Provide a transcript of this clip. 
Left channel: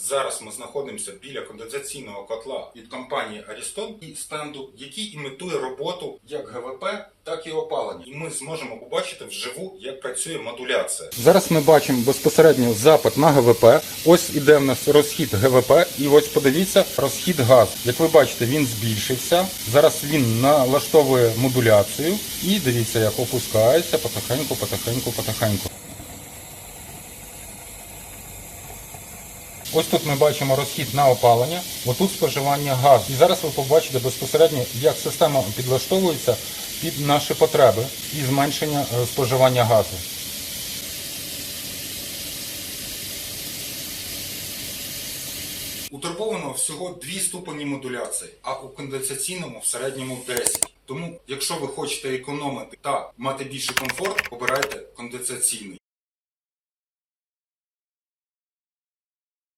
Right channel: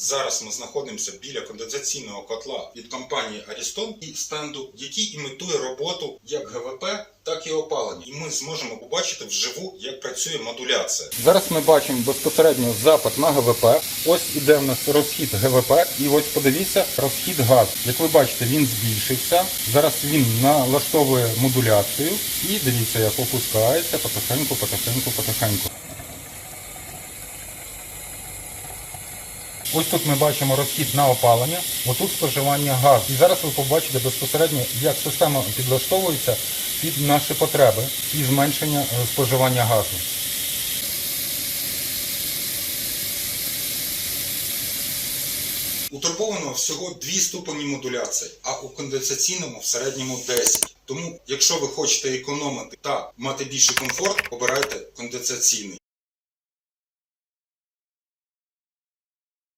Зараз ми знаходимося біля конденсаційного котла від компанії Ariston і стенду, який імітує роботу як ГВП, так і опалення. І ми зможемо побачити вживу, як працює модуляція. Зараз ми бачимо безпосередньо запит на ГВП. Ось іде в нас розхід ГВП, і ось подивіться розхід газу. Як ви бачите, він збільшився. Зараз він налаштовує модуляцію і дивіться, як опускається потихеньку, потихеньку, потихеньку. Ось тут ми бачимо розхід на опалення, отут споживання газу. І зараз ви побачите безпосередньо, як система підлаштовується під наші потреби і зменшення е, споживання газу. У турбованого всього дві ступені модуляції, а у конденсаційному в середньому 10. Тому, якщо ви хочете економити та мати більший комфорт, обирайте конденсаційний.